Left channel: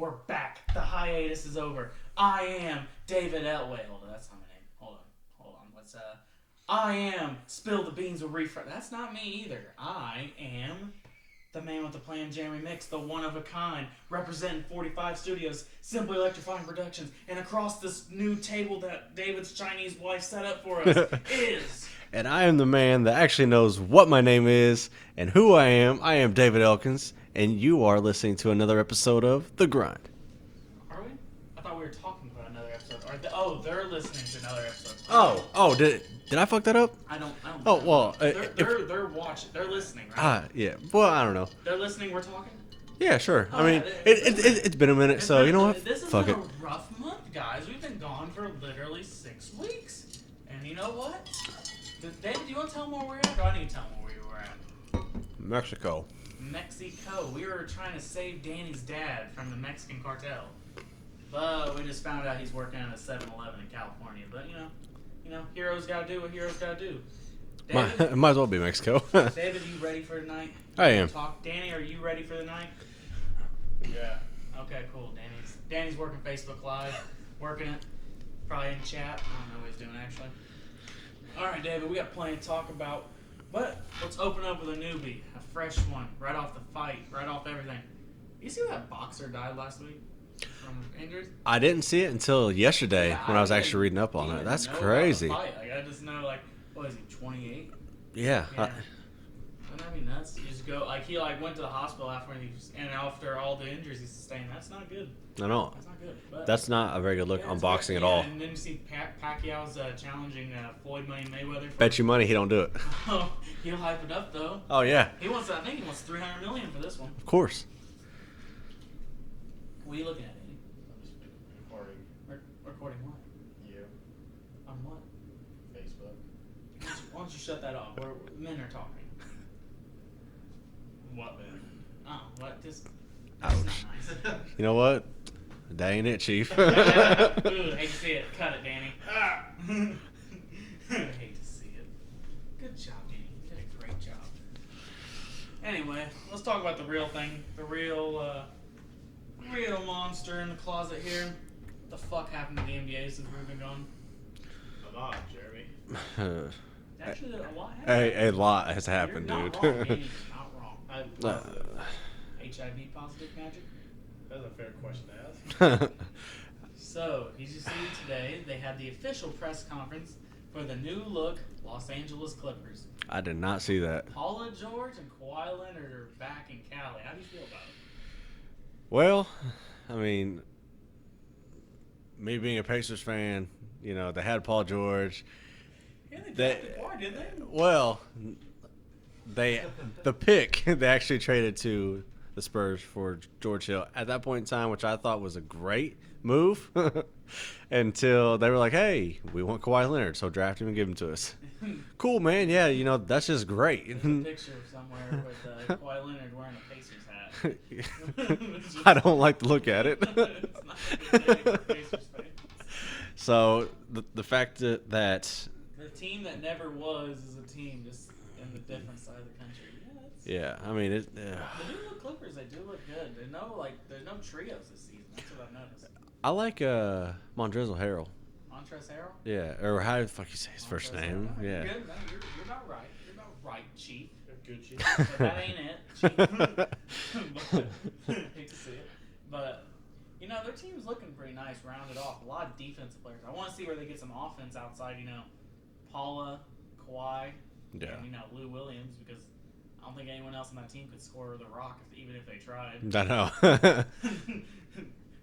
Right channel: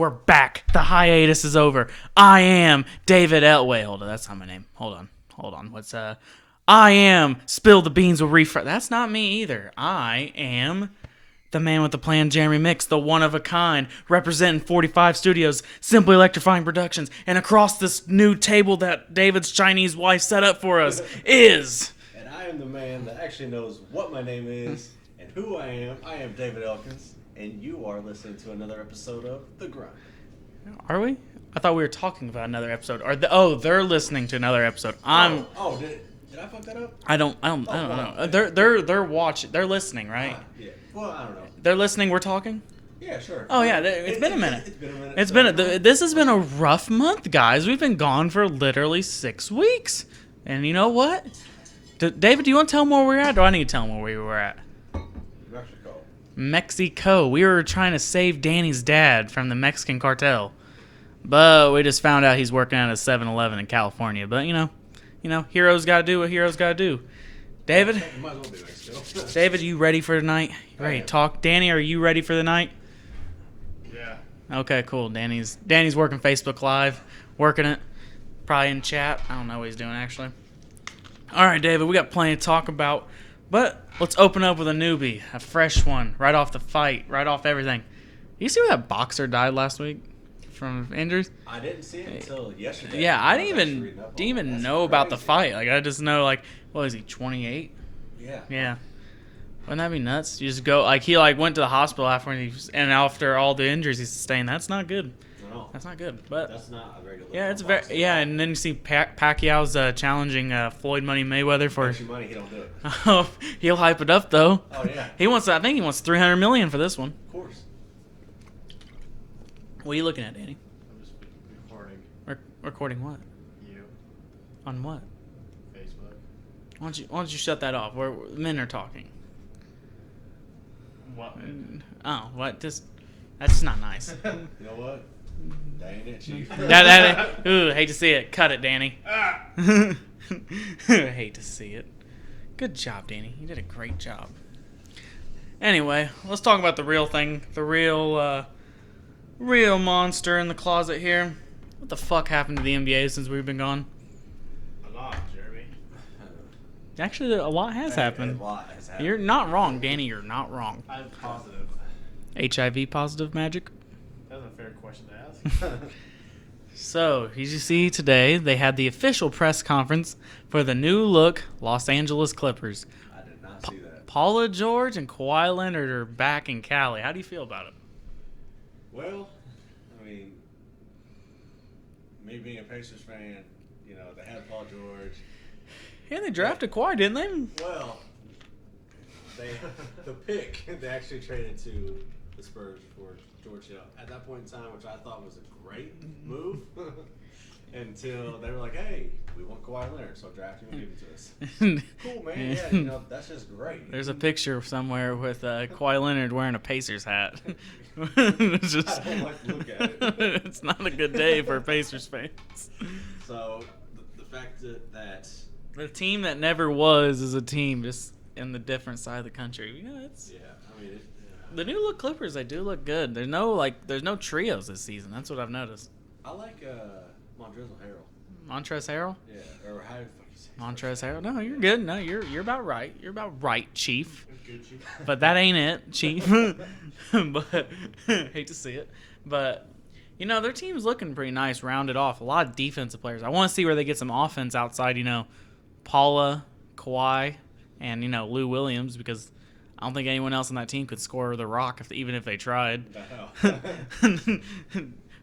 We're back. The hiatus is over. I am David Wait, hold on. That's not my name. Hold on. What's I am Spill the Beans with Refresh. That's not me either. I am the man with the plan, Jeremy Mix, the one of a kind, representing 45 studios, Simply Electrifying Productions, and across this new table that David's Chinese wife set up for us is... And I am the man that actually knows what my name is and who I am. I am David Elkins, and you are listening to another episode of The Grind. Are we? I thought we were talking about another episode. They're listening to another episode. Did I fuck that up? I don't know. They're watching. They're listening, right? Yeah. Well, I don't know. They're listening. We're talking. Yeah, sure. Oh, it's been a minute. It's been a minute. This has been a rough month, guys. We've been gone for literally 6 weeks. And you know what? David, do you want to tell them where we're at? Or do I need to tell them where we were at? Mexico. We were trying to save Danny's dad from the Mexican cartel. But we just found out he's working at a 7-Eleven in California. But, you know, heroes got to do what heroes got to do. David? Well, it might as well be Mexico. David, you ready for tonight? I am. Talk. Danny, are you ready for the night? Yeah. Okay, cool. Danny's working Facebook Live, working it, probably in chat. I don't know what he's doing, actually. All right, David, we got plenty to talk about, but let's open up with a newbie, a fresh one, right off the fight, right off everything. You see where that boxer died last week from injuries? I didn't see it until yesterday. Yeah, I was actually reading up on it. Didn't even That's know crazy. about the fight. Like, I just know, like, what is he, 28? Yeah. Yeah. Wouldn't that be nuts? You just go, like, he, like, went to the hospital after all the injuries he sustained. That's not good. No. That's not good. But That's not a very good look on boxing at all. Yeah, and then you see Pacquiao's challenging Floyd Money Mayweather for... Bet you money he don't do it. Oh, he'll hype it up, though. Oh, yeah. I think he wants $300 million for this one. Of course. What are you looking at, Danny? I'm just recording Recording what? you. On what? Facebook. Why don't you shut that off? Men are talking. What, man? Oh, what? That's not nice. You know what? That ain't it, Chief. Ooh, hate to see it. Cut it, Danny. Hate to see it. Good job, Danny. You did a great job. Anyway, let's talk about the real thing. The real monster in the closet here. What the fuck happened to the NBA since we've been gone? A lot, Jeremy. Actually, a lot has happened. A lot has happened. You're not wrong, Danny. You're not wrong. I'm positive. HIV positive magic? That's a fair question to ask. So, as you see today, they had the official press conference for the new look Los Angeles Clippers. I did not see that. Paula George and Kawhi Leonard are back in Cali. How do you feel about it? Well, I mean, me being a Pacers fan, you know, they had Paul George. Yeah, they drafted Kawhi, didn't they? Well, the pick they actually traded to the Spurs for George Hill at that point in time, which I thought was a great move, until they were like, "Hey, we want Kawhi Leonard, so draft him and give him to us." Cool, man. Yeah, you know, that's just great. There's a picture somewhere with Kawhi Leonard wearing a Pacers hat. I don't like to look at it. It's not a good day for Pacers fans. So the fact that the team that never was is a team just in the different side of the country. Yeah, I mean the new look Clippers, they do look good. There's no trios this season. That's what I've noticed. I like Montrezl Harrell. Montrezl Harrell? Yeah, or how the fuck you say his Montrezl first name? Harrell? No, you're good. No, you're about right. You're about right, Chief. Good, Chief. But that ain't it, Chief. But hate to see it. But you know, their team's looking pretty nice, rounded off. A lot of defensive players. I want to see where they get some offense outside, you know, Paula, Kawhi, and, you know, Lou Williams, because I don't think anyone else on that team could score the rock even if they tried. I know.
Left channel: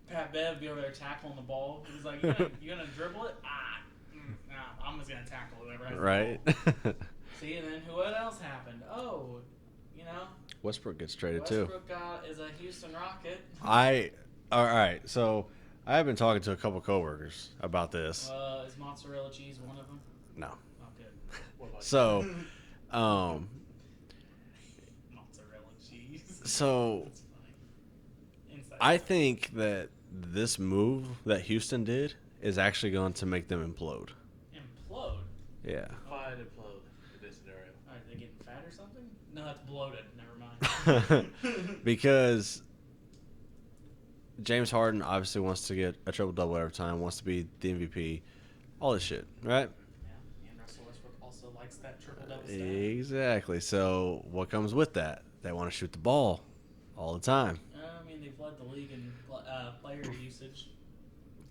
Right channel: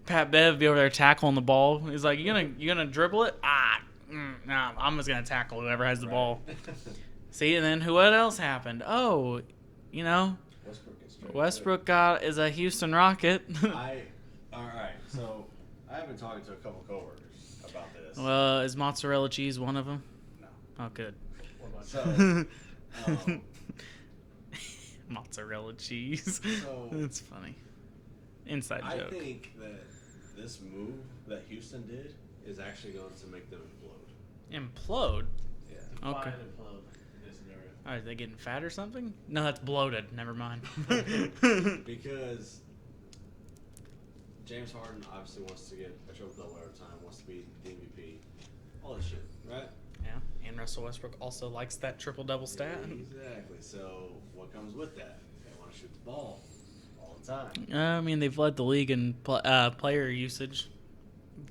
Pat Bev be over there tackling the ball. He's like, you gonna dribble it? No, I'm just gonna tackle whoever has the ball. See, and then what else happened? Oh, you know, Westbrook gets traded Westbrook is a Houston Rocket. All right, so I have been talking to a couple coworkers about this. Well, is mozzarella cheese one of them? No. Oh, good. So, mozzarella cheese. So it's funny. Inside I joke. think that this move that Houston did is actually going to make them implode. Implode? Yeah. Okay. Fine implode in this scenario. Are they getting fat or something? No, that's bloated. Never mind. Because James Harden obviously wants to get a triple double every time, wants to be the MVP, all this shit, right? Yeah, and Russell Westbrook also likes that triple double stat. Exactly. So what comes with that? They want to shoot the ball all the time. I mean, they've led the league in player usage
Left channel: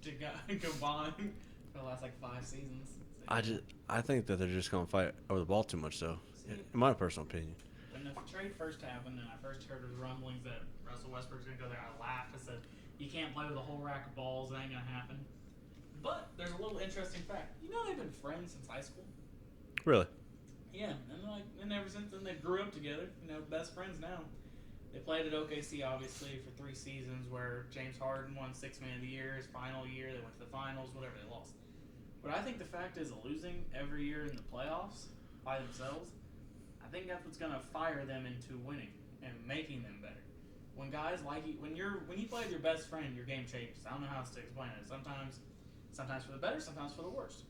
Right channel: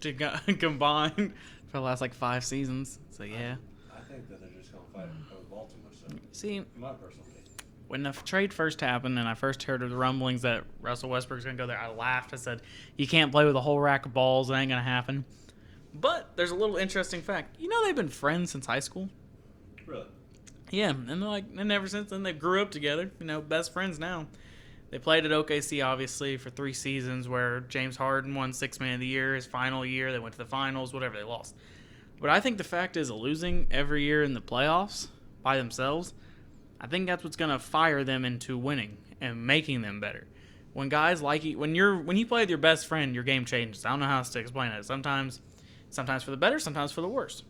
to combine for the last like 5 seasons. So yeah. I think that they're just going to fight over the ball too much, though. See, in my personal opinion. when the trade first happened and I first heard of the rumblings that Russell Westbrook's going to go there, I laughed. I said, you can't play with a whole rack of balls. It ain't going to happen. But there's a little interesting fact. You know they've been friends since high school? Really? Yeah, and they're and ever since then they grew up together. You know, best friends now. They played at OKC, obviously, for 3 seasons where James Harden won 6th Man of the Year his final year. They went to the finals, whatever, they lost. But I think the fact is losing every year in the playoffs by themselves, I think that's what's going to fire them into winning and making them better. When guys like you, when you play with your best friend, your game changes. I don't know how else to explain it. Sometimes for the better, sometimes for the worse.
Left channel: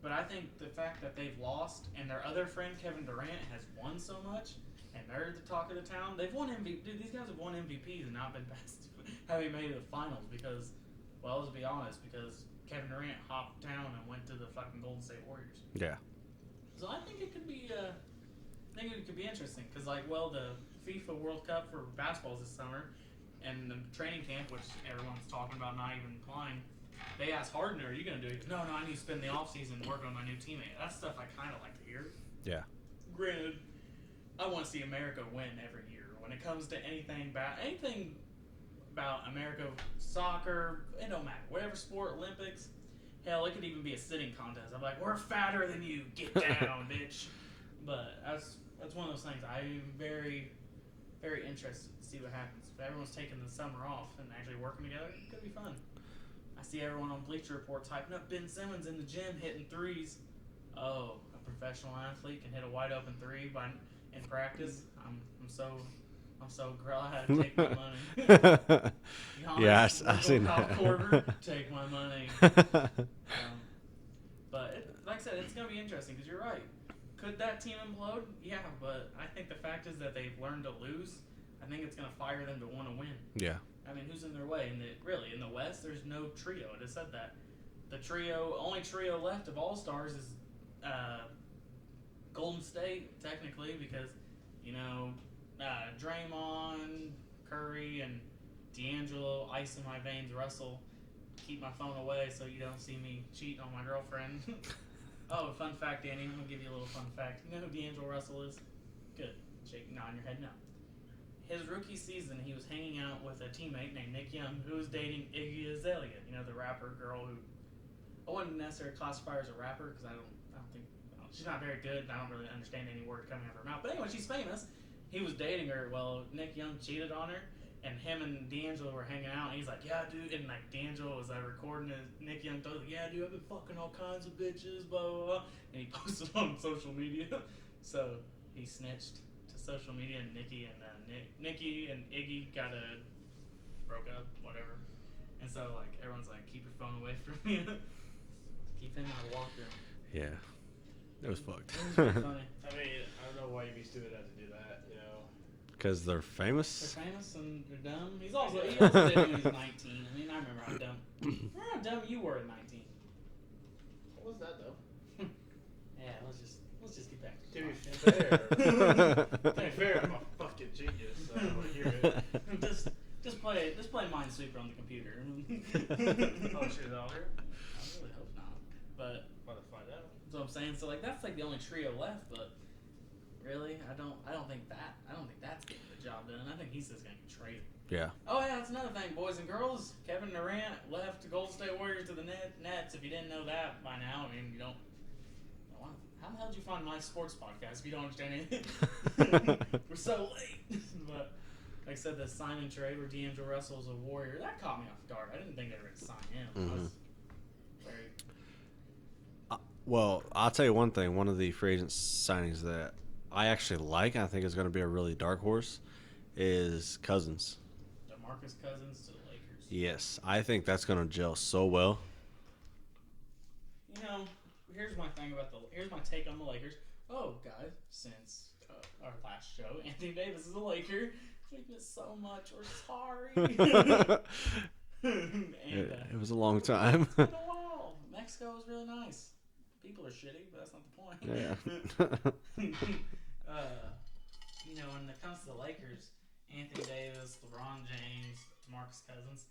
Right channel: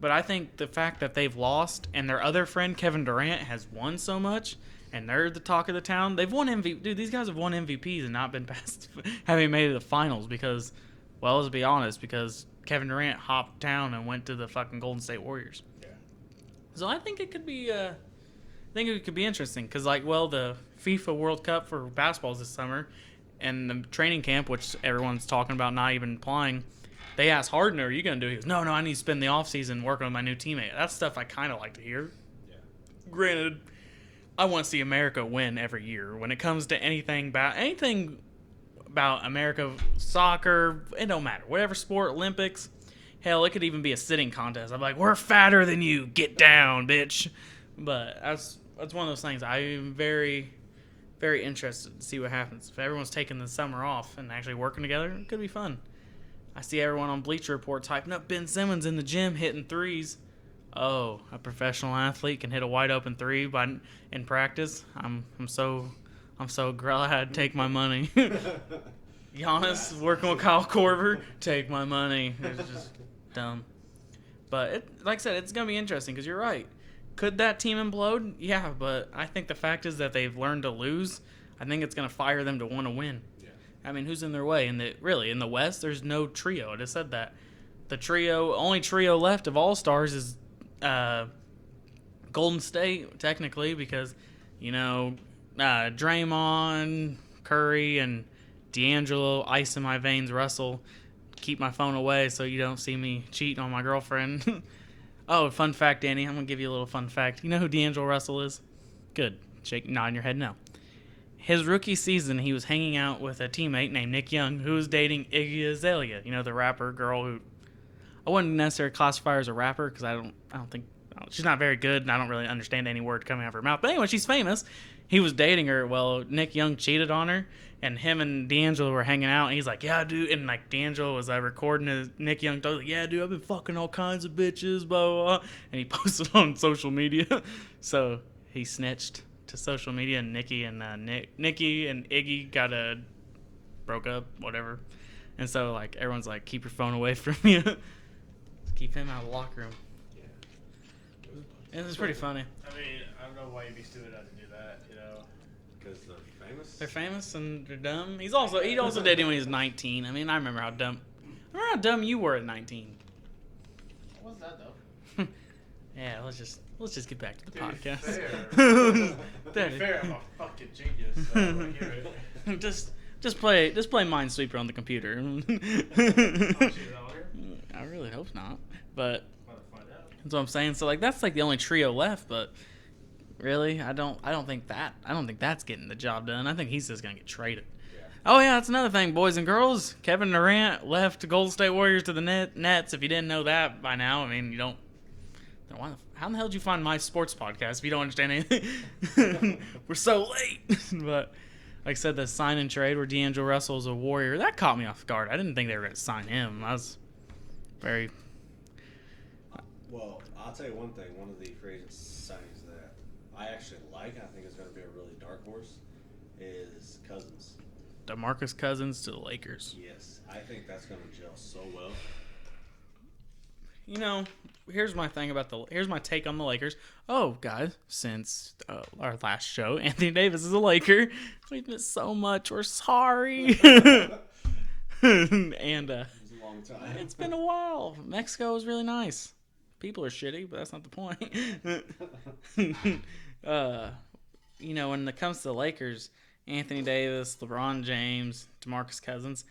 But I think the fact that they've lost and their other friend, Kevin Durant, has won so much, and they're the talk of the town. They've won MVP. Dude, these guys have won MVPs and not been past having made it to the finals because, well, let's be honest, because Kevin Durant hopped town and went to the fucking Golden State Warriors. Yeah. So I think it could be, interesting because, like, well, the FIFA World Cup for basketball is this summer, and the training camp, which everyone's talking about not even applying. They asked Harden, "Are you gonna do it?" He goes, "No, I need to spend the offseason working with my new teammate." That's stuff I kind of like to hear. Yeah. Granted, I want to see America win every year. When it comes to anything about America, soccer, it don't matter. Whatever sport, Olympics, hell, it could even be a sitting contest. I'm like, we're fatter than you. Get down, bitch. But that's one of those things. I'm very, very interested to see what happens. If everyone's taking the summer off and actually working together, it could be fun. I see everyone on Bleacher Report typing up Ben Simmons in the gym hitting threes. Oh, a professional athlete can hit a wide open 3 in practice. I'm so glad. Take my money. Giannis working with Kyle Korver. Take my money. It's just dumb. But like I said, it's gonna be interesting because you're right. Could that team implode? Yeah, but I think the fact is that they've learned to lose. I think it's gonna fire them to want to win. Yeah. I mean, who's in their way? In the West, there's no trio. I just said that. The only trio left of All-Stars is Golden State, technically, because, Draymond, Curry, and D'Angelo, ice in my veins, Russell, keep my phone away so you don't see me cheating on my girlfriend. Oh, fun fact, Danny. I'm going to give you a little fun fact. You know who D'Angelo Russell is? Good. Nodding your head no. His rookie season, he was hanging out with a teammate named Nick Young, who was dating Iggy Azalea, the rapper girl who I wouldn't necessarily classify her as a rapper because I don't think she's not very good, and I don't really understand any word coming out of her mouth. But anyway, she's famous. He was dating her. Well, Nick Young cheated on her, and him and D'Angelo were hanging out, and he's like, "Yeah, dude," and like D'Angelo was recording his Nick Young, like, "Yeah, dude, I've been fucking all kinds of bitches, blah blah," blah. And he posted on social media. So he snitched to social media, and Nikki and Iggy broke up, whatever. And so like everyone's like, "Keep your phone away from you." Keep him out of the locker room. Yeah. It was fucked. It was pretty funny. I mean, I don't know why you'd be stupid enough to do that, Because they're famous? They're famous and they're dumb. He also dated when he was 19. I mean, I remember how dumb you were at 19. What was that, though? Yeah, let's just get back to the To be podcast. fair, fair, I'm a fucking genius. So I hear it. just play Minesweeper on the computer. Oh, she's out here? I really hope not. But Want to find out? that's what I'm saying. So like that's like the only trio left, but really, I don't think that's getting the job done. I think he's just gonna get traded. Yeah. Oh yeah, that's another thing, boys and girls. Kevin Durant left the Golden State Warriors to the Nets. If you didn't know that by now, I mean, you don't. How in the hell did you find my sports podcast if you don't understand anything? We're so late. But like I said, the sign and trade where D'Angelo Russell is a Warrior, that caught me off guard. I didn't think they were going to sign him. I was very. Well, I'll tell you one thing. One of the free agent signings that I actually like, I think is going to be a really dark horse, is Cousins. DeMarcus Cousins to the Lakers. Yes. I think that's going to gel so well. here's my thing about here's my take on the Lakers. Oh, guys, since our last show, Anthony Davis is a Laker. We've missed so much. We're sorry. And it was a long time. it's been a while. Mexico was really nice. People are shitty, but that's not the point. When it comes to the Lakers, Anthony Davis, LeBron James, DeMarcus Cousins,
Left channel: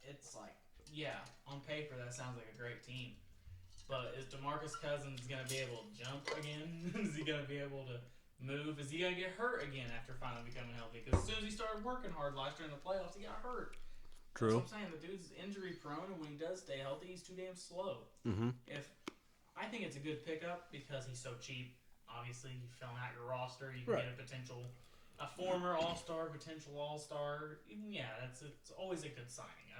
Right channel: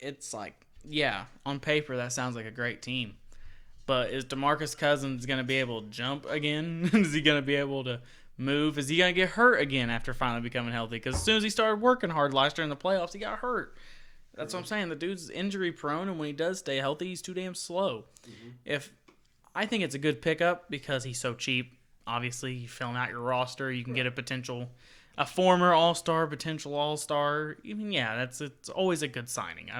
it's like, yeah, on paper that sounds like a great team. But is DeMarcus Cousins going to be able to jump again? Is he going to be able to move? Is he going to get hurt again after finally becoming healthy? Because as soon as he started working hard last year in the playoffs, he got hurt. That's what I'm saying. The dude's injury prone, and when he does stay healthy, he's too damn slow. Mm-hmm. I think it's a good pickup because he's so cheap. Obviously, you filling out your roster, you can get a former All-Star, potential All-Star. It's always a good signing.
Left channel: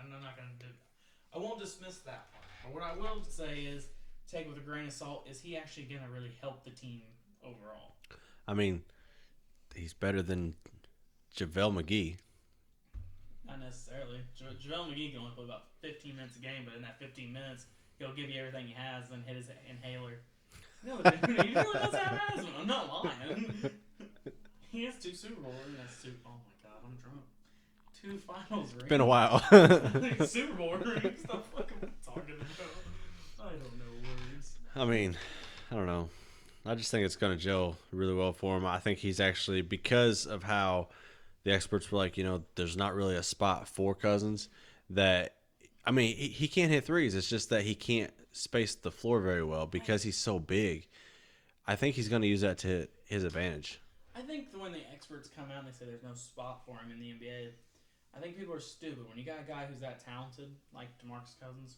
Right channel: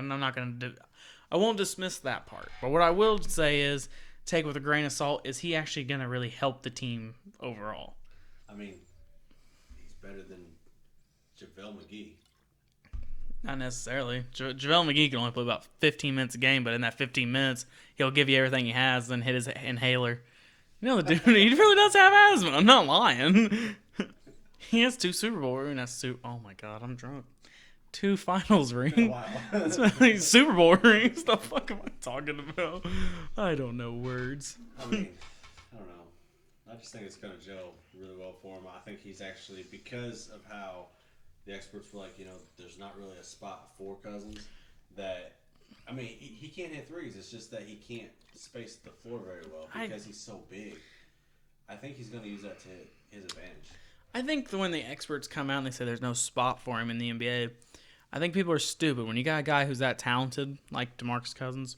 I won't dismiss that part. But what I will say is, take with a grain of salt, is he actually going to really help the team overall? I mean, he's better than JaVale McGee. Not necessarily. JaVale McGee can only play about 15 minutes a game, but in that 15 minutes, he'll give you everything he has, then hit his inhaler. The dude, he really does have asthma. I'm not lying. He has 2 Super Bowl rings. Oh my God, I'm drunk. 2 finals rings. It's been a while. Super Bowl rings. The fuck am I talking about? I don't know words. I mean, I don't know. I just think it's going to gel really well for him. I think he's actually, because of how the experts were like, there's not really a spot for Cousins that, I mean, he can't hit threes. It's just that he can't space the floor very well because he's so big. I think he's going to use that to his advantage. I think when the experts come out and they say there's no spot for him in the NBA, I think people are stupid. When you got a guy who's that talented, like DeMarcus Cousins,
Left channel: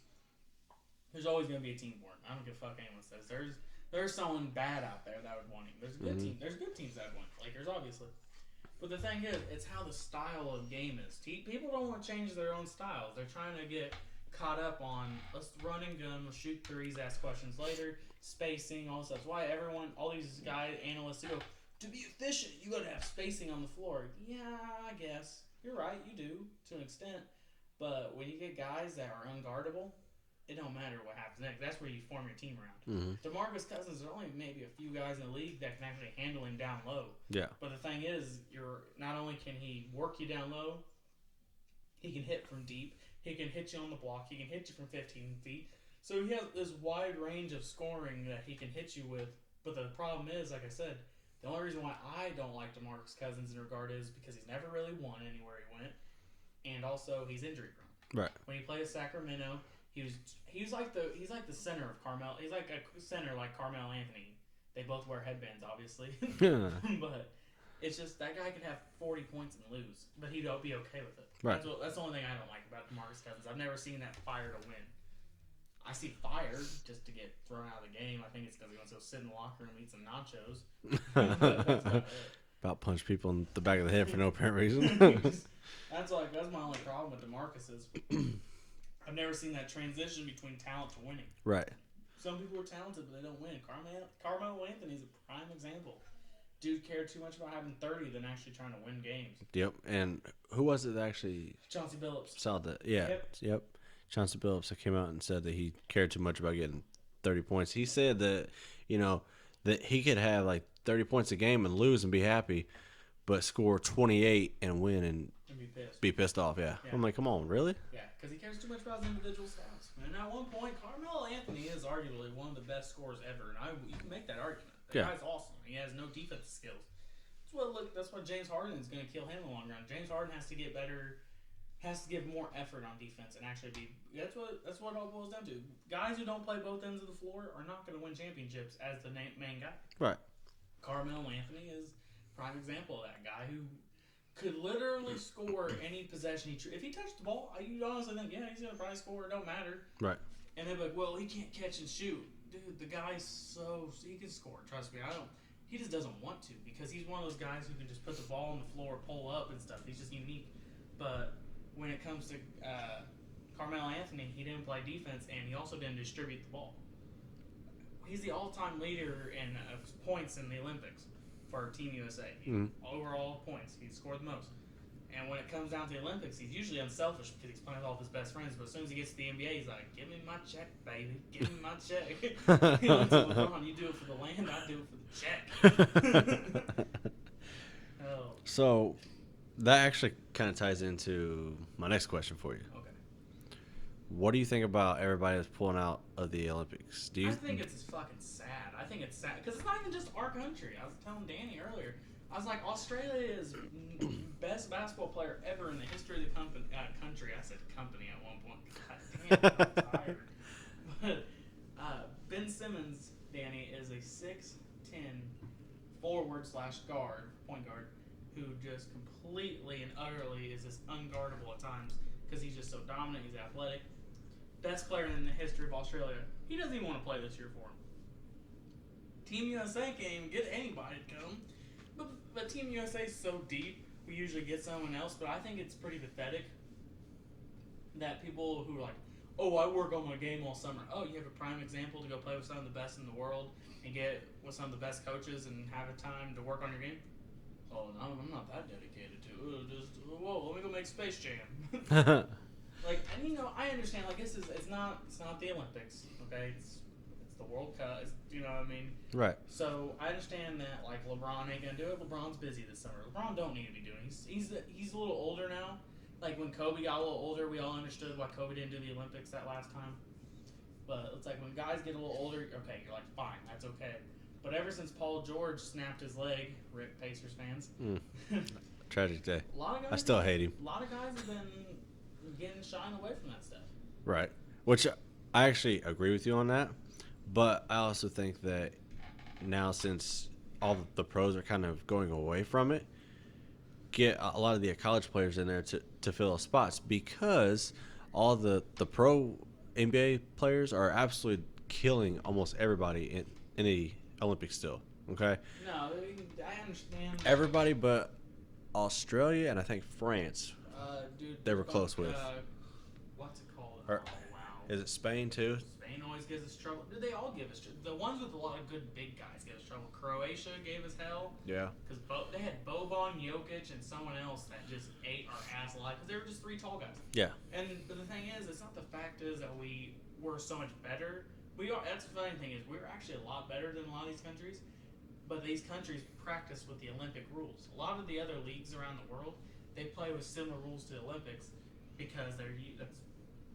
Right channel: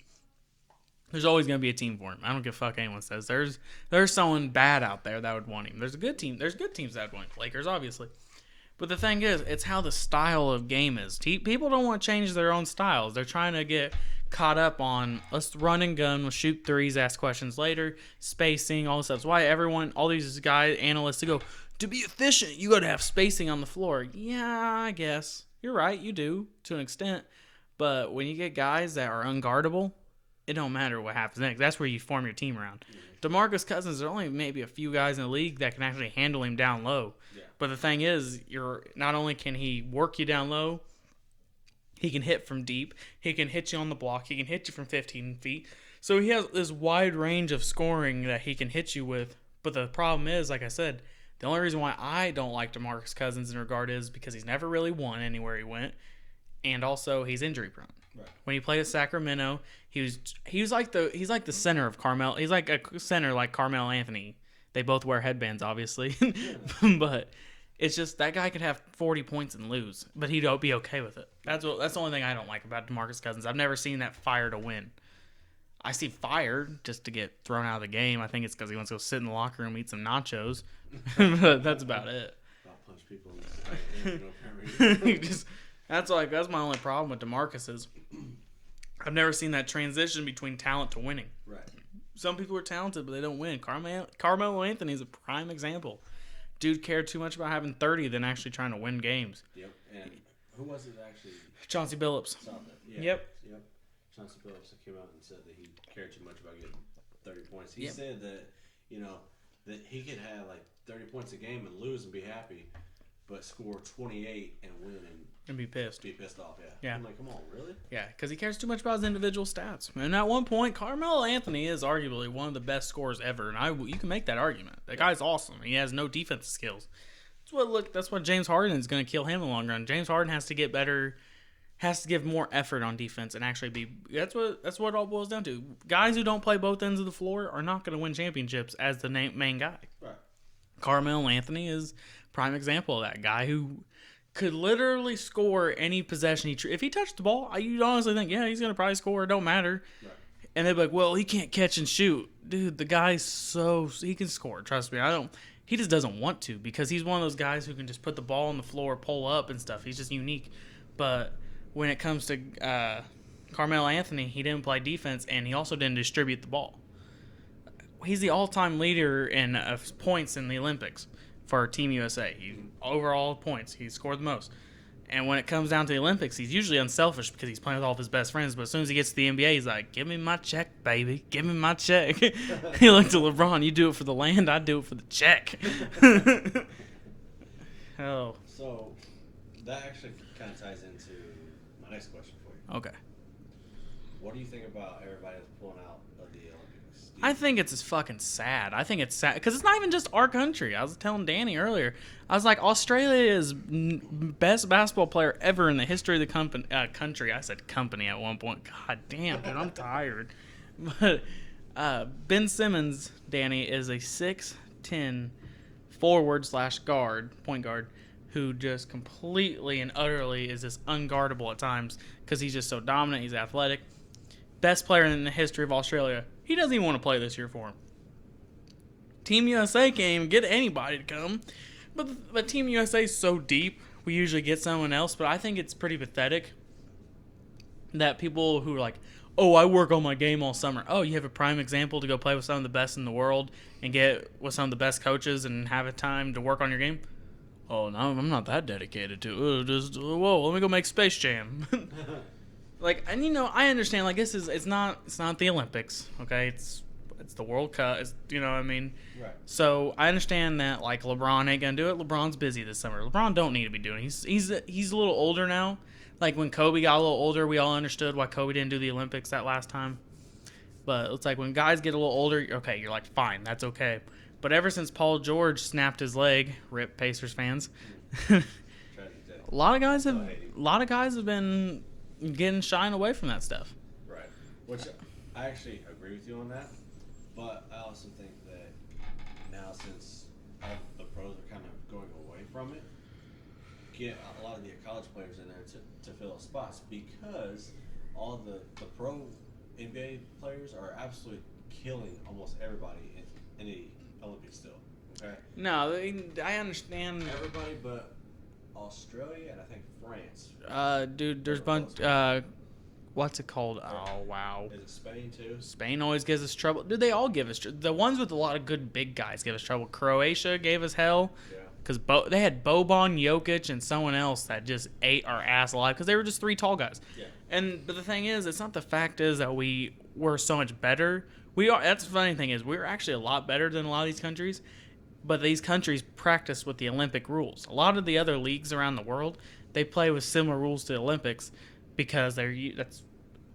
there's always going to be a team for him. I don't give a fuck anyone says. There's someone bad out there that would want him. There's a good team. There's good teams that would want him. Lakers, obviously. But the thing is, it's how the style of game is. People don't want to change their own styles. They're trying to get caught up on, let's run and gun, we'll shoot threes, ask questions later, spacing, all this stuff. That's why all these guys, analysts, to go, to be efficient, you got to have spacing on the floor. Yeah, I guess. You're right, you do, to an extent. But when you get guys that are unguardable, it don't matter what happens next. That's where you form your team around. Mm-hmm. DeMarcus Cousins, there are only maybe a few guys in the league that can actually handle him down low. Yeah. But the thing is, not only can he work you down low, he can hit from deep. He can hit you on the block. He can hit you from 15 feet. So he has this wide range of scoring that he can hit you with. But the problem is, like I said, the only reason why I don't like DeMarcus Cousins in regard is because he's never really won anywhere he went. And also, he's injury prone. Right. When he played at Sacramento, he's like the center of Carmel. He's like a center like Carmelo Anthony. They both wear headbands, obviously. Yeah. But it's just that guy could have 40 points and lose, but he'd be okay with it. Right. That's the only thing I don't like about DeMarcus Cousins. I've never seen that fire to win. I see fire just to get thrown out of the game. I think it's because he wants to go sit in the locker room, eat some nachos. But that's about it. About punch people in the back of the head for no apparent reason. That's my only problem with DeMarcus is I've never seen that transition between talent to winning. Right. Some people are talented, but they don't win. Carmelo Anthony is a prime example. Dude cared too much about having 30 than actually trying to win games. Yep. And who was it that actually? Chauncey Billups. Saw that. Yeah. Yep. Chauncey Billups came out and said that he cared too much about getting 30 points. He said that, that he could have like 30 points a game and lose and be happy, but score 28 and win and be pissed. Be pissed off, yeah. I'm like, come on, really? Yeah, because he cares too much about his individual stats. And at one point, Carmelo Anthony is arguably one of the best scorers ever, and you can make that argument. The guy's awesome. He has no defensive skills. That's what James Harden is going to kill him in the long run. James Harden has to get better, has to give more effort on defense, and actually be. That's what it all boils down to. Guys who don't play both ends of the floor are not going to win championships as the main guy. Right. Carmelo Anthony is prime example of that guy who could literally score any possession. If he touched the ball, you'd honestly think, yeah, he's going to probably score. It don't matter. Right. And they'd be like, well, he can't catch and shoot. Dude, the guy's he can score. Trust me. He just doesn't want to because he's one of those guys who can just put the ball on the floor, pull up and stuff. He's just unique. But when it comes to Carmelo Anthony, he didn't play defense, and he also didn't distribute the ball. He's the all-time leader in points in the Olympics for Team USA. Overall points, he scored the most. And when it comes down to the Olympics, he's usually unselfish because he's playing with all of his best friends. But as soon as he gets to the NBA, he's like, "Give me my check, baby. Give me my check." He looked at LeBron. You do it for the land. I do it for the check. Oh. So that actually kind of ties into my next question for you. Okay. What do you think about everybody that's pulling out of the Olympics? I think it's just fucking sad. I think it's sad because it's not even just our country. I was telling Danny earlier. I was like, Australia is best basketball player ever in the history of the country. I said company at one point. God damn, dude, I'm tired. But Ben Simmons, Danny, is a 6'10" forward/guard, point guard, who just completely and utterly is just unguardable at times because he's just so dominant. He's athletic. Best player in the history of Australia. He doesn't even want to play this year for him. Team USA can't even get anybody to come. But Team USA is so deep, we usually get someone else. But I think it's pretty pathetic that people who are like, oh, I work on my game all summer. Oh, you have a prime example to go play with some of the best in the world and get with some of the best coaches and have a time to work on your game. Oh, no, I'm not that dedicated to it. Whoa, let me go make Space Jam. Like, and you know, I understand. Like, it's not the Olympics, okay? It's the World Cup. It's, you know what I mean? Right. So I understand that like LeBron ain't gonna do it. LeBron's busy this summer. LeBron don't need to be doing it. He's a little older now. Like when Kobe got a little older, we all understood why Kobe didn't do the Olympics that last time. But it's like when guys get a little older, okay, you're like, fine, that's okay. But ever since Paul George snapped his leg, rip Pacers fans. Tragic day. A lot of guys I still hate him. A lot of guys have been getting shying away from that stuff. Right. Which I actually agree with you on that. But I also think that now, since all the pros are kind of going away from it, get a lot of the college players in there to fill those spots, because all the pro NBA players are absolutely killing almost everybody in the Olympics still. Okay? No, I understand. Everybody but Australia and I think France. Dude, They there's were a bunch. close What's it called? Oh, wow. Is it Spain too? Spain always gives us trouble. Dude, they all give us the ones with a lot of good big guys give us trouble. Croatia gave us hell. Yeah. Because they had Boban, Jokic, and someone else that just ate our ass alive because they were just three tall guys. Yeah. But the thing is, it's not the fact is that we were so much better. We are. That's the funny thing is we're actually a lot better than a lot of these countries. But these countries practice with the Olympic rules. A lot of the other leagues around the world, they play with similar rules to the Olympics because that's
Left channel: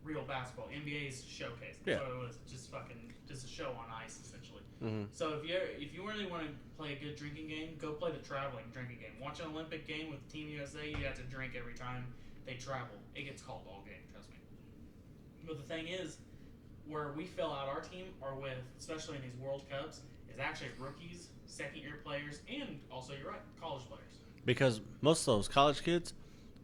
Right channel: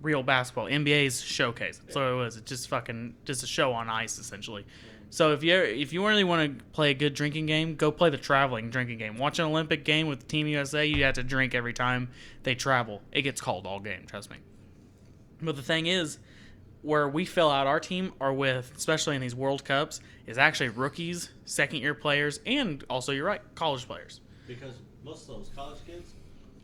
real basketball. NBA's showcase. That's what it was. It's just a show on ice essentially. Mm-hmm. So if you really want to play a good drinking game, go play the traveling drinking game. Watch an Olympic game with Team USA. You have to drink every time they travel. It gets called all game. Trust me. But the thing is, where we fill out our team are with, especially in these World Cups, is actually rookies, second-year players, and also, you're right, college players. Because most of those college kids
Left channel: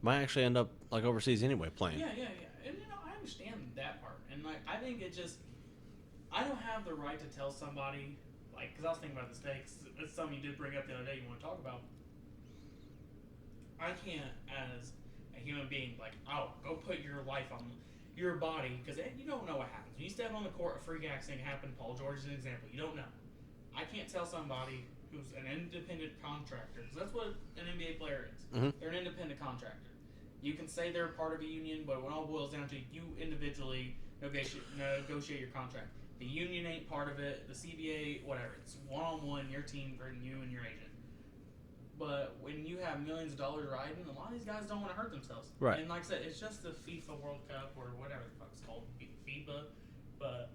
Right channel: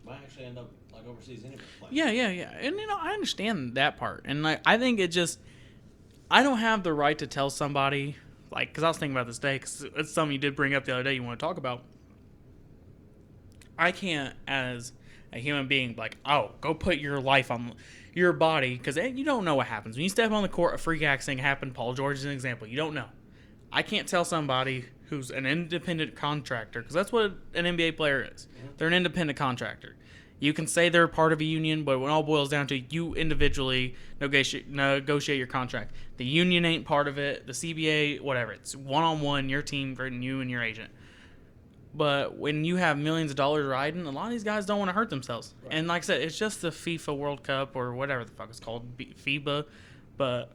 might actually end up like overseas anyway playing. Yeah. And, you know, I understand that part. And I think it just, I don't have the right to tell somebody, like, because I was thinking about this day, because it's something you did bring up the other day you want to talk about. I can't, as a human being, like, oh, go put your life on your body, because you don't know what happens. When you step on the court, a freak accident happened. Paul George is an example. You don't know. I can't tell somebody who's an independent contractor, because that's what an NBA player is. Mm-hmm. They're an independent contractor. You can say they're part of a union, but when it all boils down to you individually negotiate your contract. The union ain't part of it. The CBA, whatever. It's one-on-one, your team, you and your agent. But when you have millions of dollars riding, a lot of these guys don't want to hurt themselves. Right. And like I said, it's just the FIFA World Cup or whatever the fuck it's called, FIBA. But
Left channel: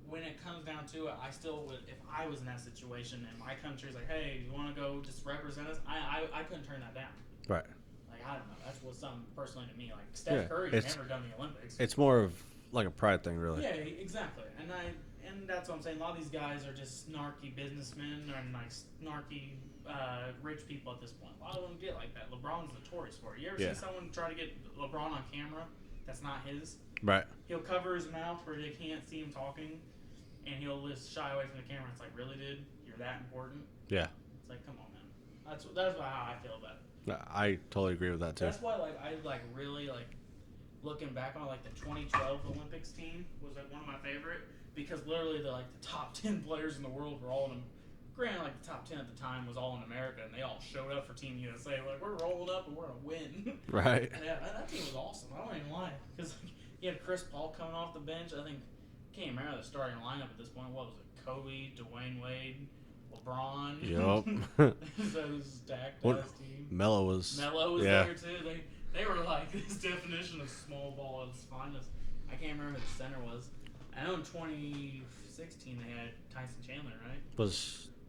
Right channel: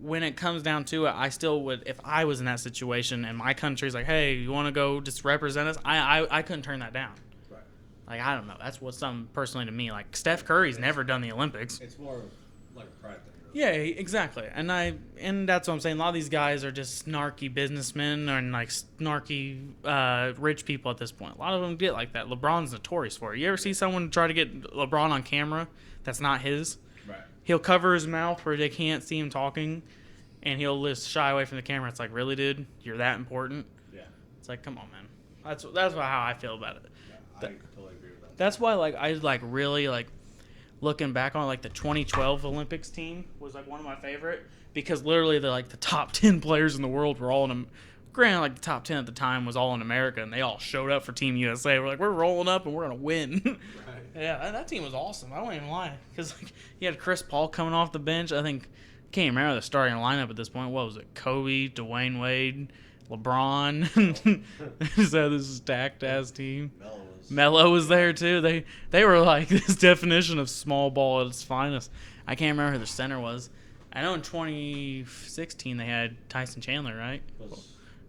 when it comes down to it, I still would, if I was in that situation and my country's like, hey, you want to go just represent us? I couldn't turn that down. Right. Like, I don't know. That's what's something personally to me. Like, Steph Curry's never done the Olympics. It's more of like a pride thing, really. Yeah, exactly. And that's what I'm saying. A lot of these guys are just snarky businessmen and like snarky rich people at this point. A lot of them get like that. LeBron's notorious for it. You ever see someone try to get LeBron on camera that's not his? Right. He'll cover his mouth where they can't see him talking, and he'll just shy away from the camera. It's like, really, dude? You're that important? Yeah. It's like, come on, man. That's how I feel about it. I totally agree with that, too. That's why, like, I, like, really, like, looking back on, like, the 2012 Olympics team was, like, one of my favorite, because literally the top 10 players in the world were all in granted, like the top 10 at the time was all in America, and they all showed up for Team USA. We're like, we're rolling up and we're gonna win. Right. Yeah, that team was awesome. I won't even lie, because like, you had Chris Paul coming off the bench. I think can't even remember the starting lineup at this point. What was it? Kobe, Dwayne Wade, LeBron. Yup. So this stacked ass team. Melo was there too. They were like this definition of small ball at its finest. I can't remember who the center was. I know in 2016 they had Tyson Chandler, right?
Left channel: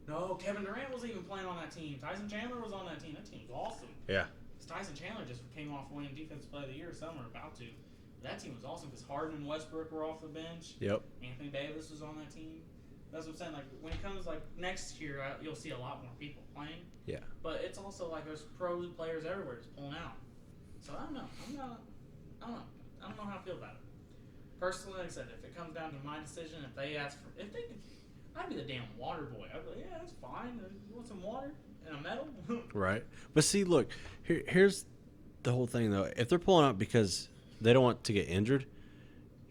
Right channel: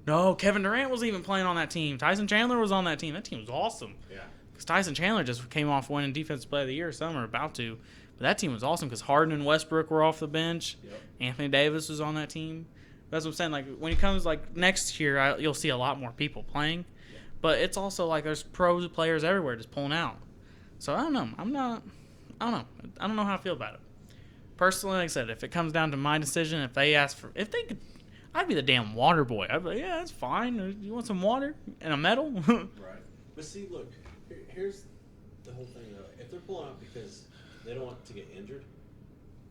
No, Kevin Durant was even playing on that team. Tyson Chandler was on that team. That team was awesome. Yeah. Because Tyson Chandler just came off winning Defensive Player of the Year. Some are about to. But that team was awesome because Harden and Westbrook were off the bench. Yep. Anthony Davis was on that team. That's what I'm saying. Like when it comes like next year, you'll see a lot more people playing. Yeah. But it's also like there's pro players everywhere just pulling out. So I don't know. I don't know. I don't know how I feel about it. Personally, like I said, if it comes down to my decision, if they could, I'd be the damn water boy. I'd be like, yeah, that's fine. You want some water and a medal? Right. But see, look, here's the whole thing though. If they're pulling out because they don't want to get injured,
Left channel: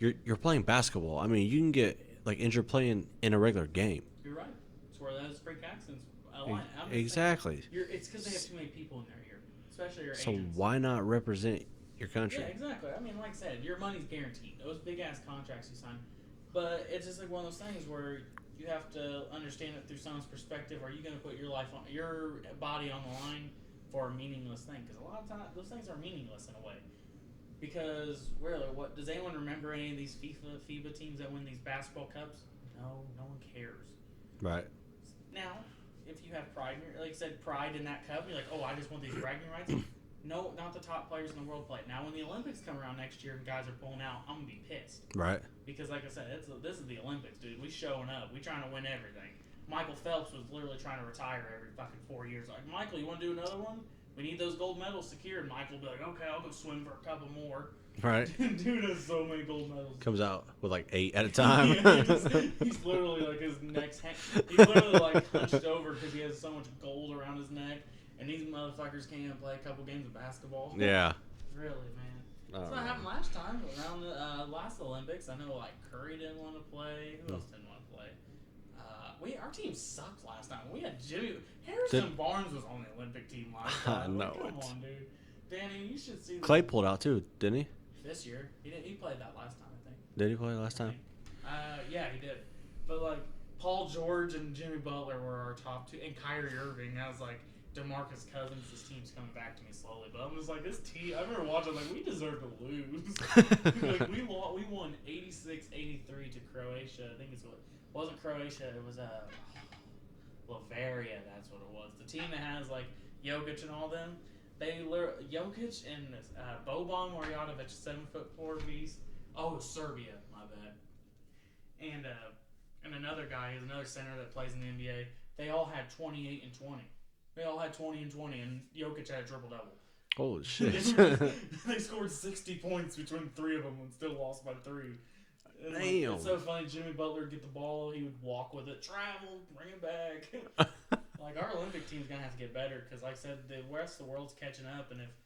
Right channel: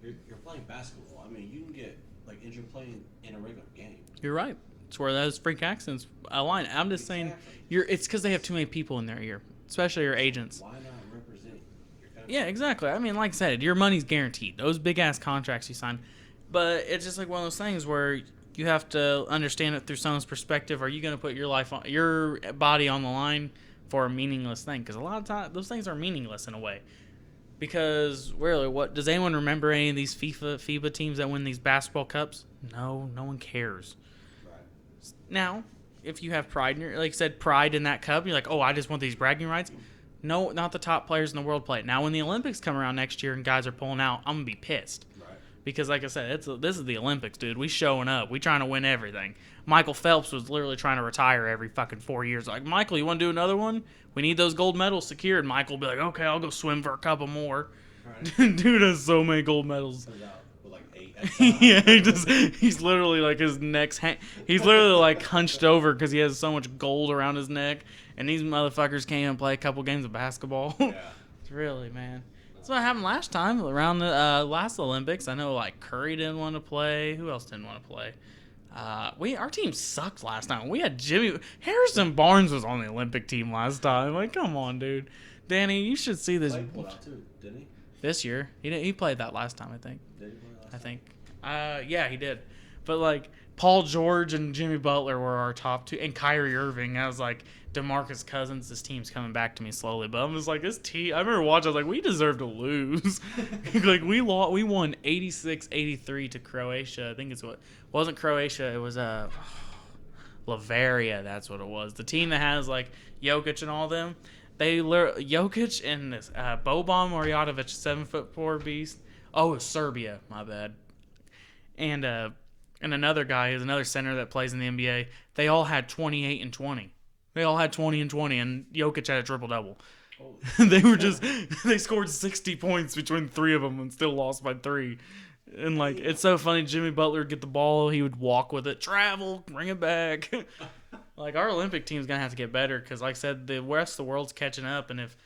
you're playing basketball. I mean, you can get like injured playing in a regular game. You're right. It's where those freak accidents align. I'm just saying. Exactly. It's because they have too many people in their ear, especially your agents. So why not represent your country? Yeah, exactly. I mean, like I said, your money's guaranteed. Those big ass contracts you sign, but it's just like one of those things where you have to understand it through someone's perspective. Are you going to put your life on your body on the line for a meaningless thing? Because a lot of times those things are meaningless in a way. Because really, what does anyone remember any of these FIBA teams that win these basketball cups? No one cares. Right. Now, if you have pride in your, like I said, pride in that cup, you're like, oh, I just want these bragging rights. No, not the top players in the world play it. Now, when the Olympics come around next year and guys are pulling out, I'm gonna be pissed. Right. Because, like I said, this is the Olympics, dude. We showing up. We trying to win everything. Michael Phelps was literally trying to retire every fucking 4 years. Like, Michael, you want to do another one? We need those gold medals secured. Michael will be like, okay, I'll go swim for a couple more. Right. Dude has so many gold medals. Comes out with like 8 at a time. Yeah, he's literally like his neck's he's literally like hunched over because he has so much gold around his neck. And these motherfuckers can't even play a couple games of basketball. Yeah. It's really, man. That's what happened last time around the last Olympics. I know like Curry didn't want to play. Who else didn't want to play? Our team sucked last time. We had Harrison Barnes was on the Olympic team last time. Like, come on, dude. Danny, you should see this. Clay pulled out too, didn't he? This year, he played that last time, I think. Did he play last time? I think. Yeah, he did. But like Paul George and Jimmy Butler were our top two, and Kyrie Irving. I was like, DeMarcus Cousins. This team's coming back to me slowly, but I'm just like, this team. I remember watching. I was like, we deserve to lose. Like we won 86-83 to Croatia. I think wasn't Croatia. It was Bavaria. That's what it was. The team that has like Jokic and all them. Jokic and this Boban Marjanovic, 7'4" beast. Oh, it's Serbia. My bad. And another guy is another center that plays in the NBA. They all had 28 and 20. They all had 20 and 20, and Jokic had a triple double. Holy shit. They scored 60 points between three of them and still lost by 3. And like it's so funny. Jimmy Butler would get the ball, he would walk with it, travel, bring it back. Like our Olympic team's gonna have to get better because, like I said, the rest of the world's catching up. And if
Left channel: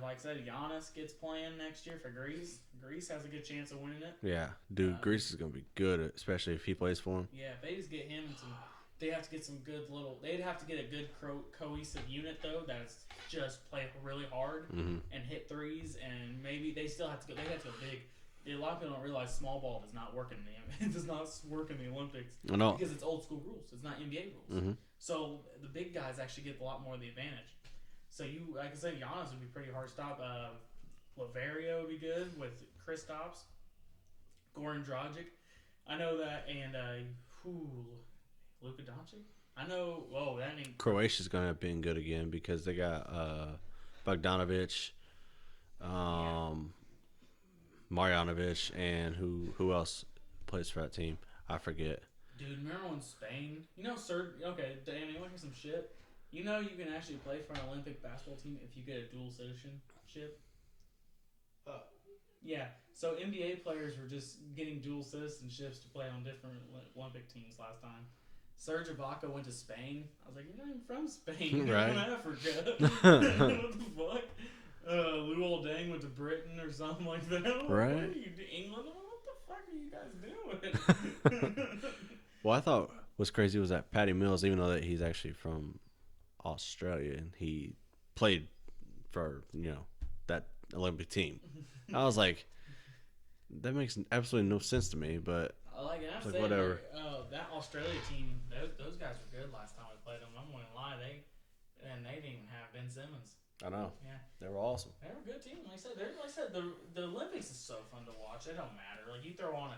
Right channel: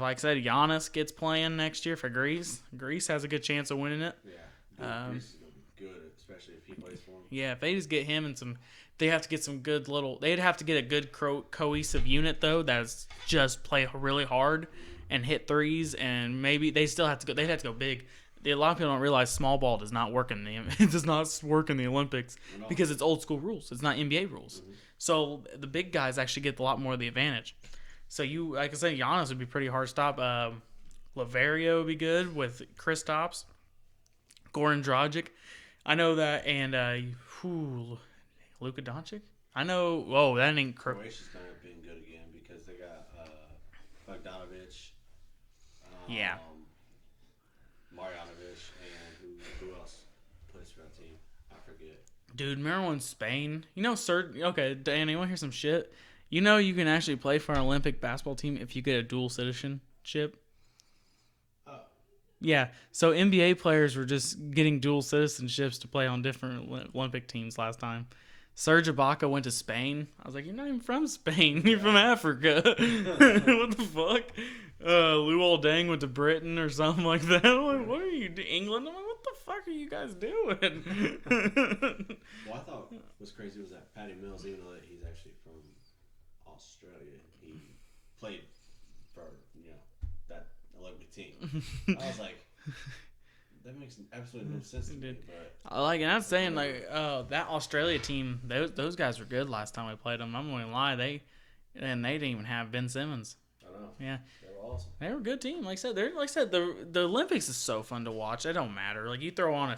like I said, Giannis gets playing next year for Greece, Greece has a good chance of winning it. Yeah, dude, Greece is gonna be good, especially if he plays for them. Yeah, if they just get him and they have to get some good they'd have to get a good cohesive unit though that's just play really hard and hit threes, and maybe they'd have to go big. A lot of people don't realize small ball does not work in the Olympics because it's old school rules. It's not NBA rules. So the big guys actually get a lot more of the advantage. So like I said, Giannis would be pretty hard to stop. Lavario would be good with Kristaps, Goran Dragic. I know that, and Luka Doncic. I know. Whoa, that ain't. Croatia's gonna be good again because they got Bogdanovic. Marjanovic, and who else plays for that team? I forget. Dude, remember when Spain? Okay, Danny, you want to hear some shit? You know you can actually play for an Olympic basketball team if you get a dual citizenship? Yeah, so NBA players were just getting dual citizenships to play on different Olympic teams last time. Serge Ibaka went to Spain. I was like, you're not even from Spain. You're from Africa. What the fuck? Luol Deng went to Britain or something like that. I'm like, what are you doing? England? I'm like, what the fuck are you guys doing? Well, I thought What's crazy was that Patty Mills, even though that he's actually from Australia, and he played for that Olympic team. I was like, that makes absolutely no sense to me. But And I'm saying whatever. that Australia team, those guys were good last time we played them. I'm going to lie, they didn't even have Ben Simmons. I know. Yeah, They were awesome. they were a good team. Like I said, the Olympics is so fun to watch. It don't matter. Like you can throw on